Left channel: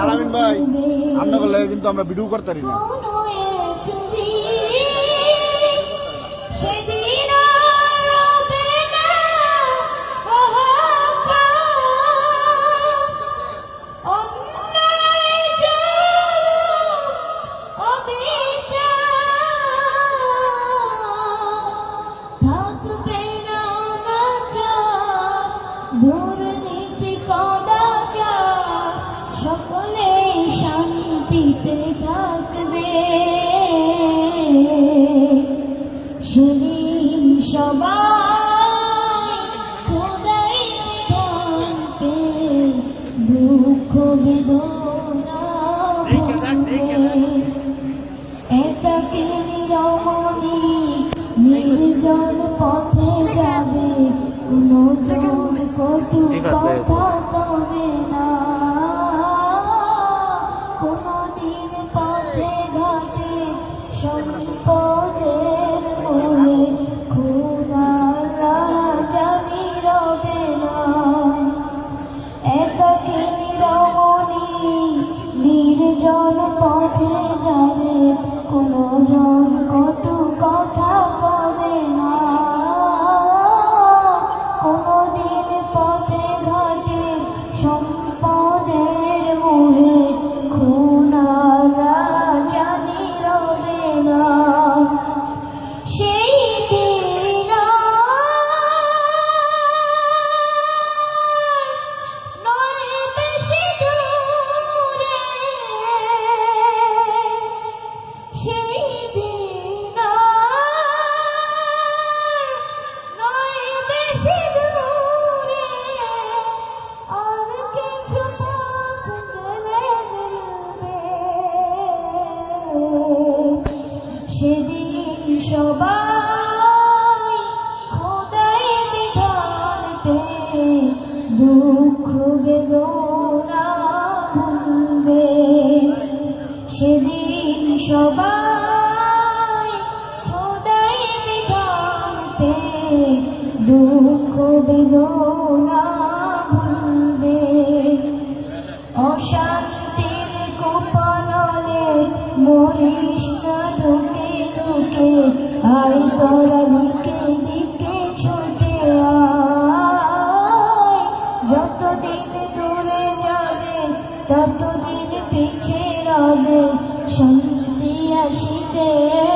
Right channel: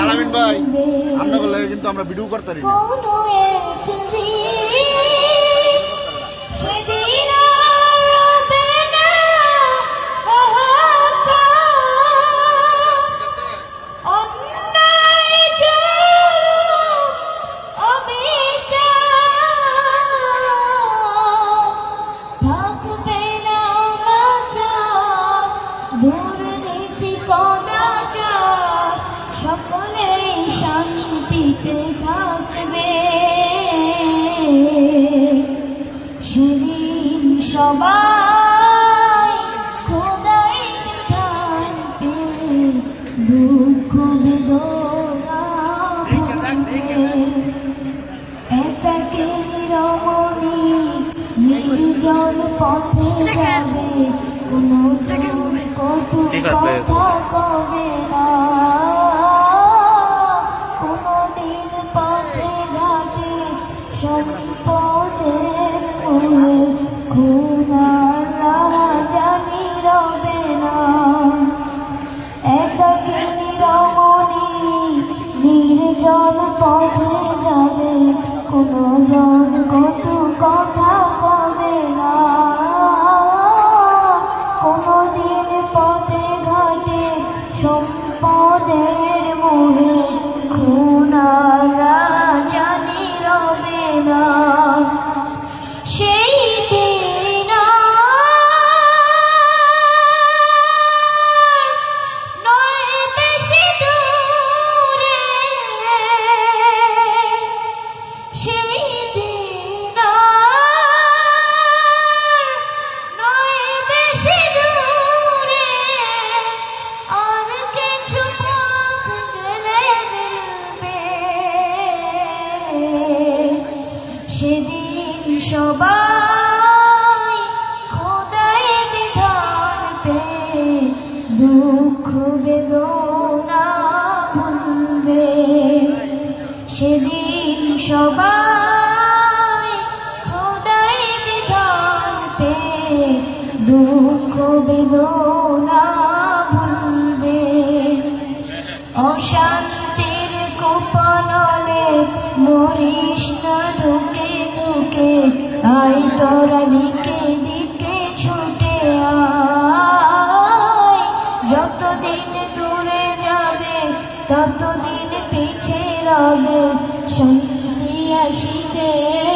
আলামিন ভাই আমরা কিন্তু আমরা ভিডিও করতে পারি না। সবাই খোদাই থাকবে দুঃখ বেদনা একাকী রমণী নির্জন পথে যাবে। কথা কবে না? কোনদিন পথে ঘাটে সম্পদের মোহে একাকিনী রমণী নির্জন পথে যাবে কোনো জন কটু কথা সেদিন সবাই খোদাই বিধান পে দুঃখ বেদনা ভুলবে। সেদিন সবাই খোদাই বিধান পে দুঃখ বেদনা ধুকে আই তোরা দিকে দিকে ছুটে আয়। যতদিন দূরে যাবে, ততদিন পিছে রবে শান্তি আসিবে।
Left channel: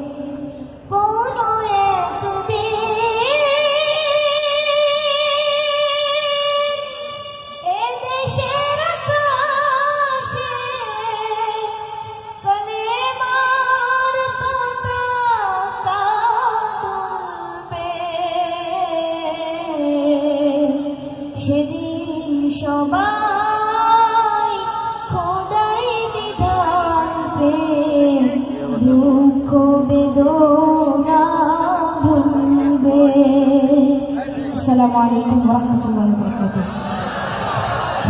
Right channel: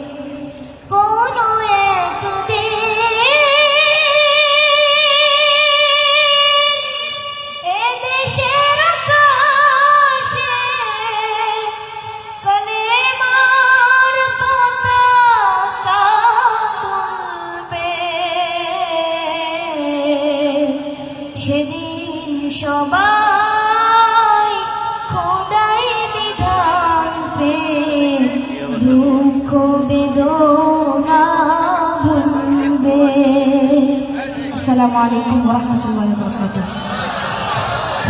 সেদিন সবাই খোদাই বিধান পে দুঃখ বেদনা ভুলবে। আসসালামু আলাইকুম রহমতুল্লাহ বরকাতুহ।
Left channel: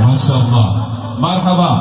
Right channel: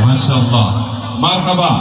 মাশাআল্লাহ। মারহাবা।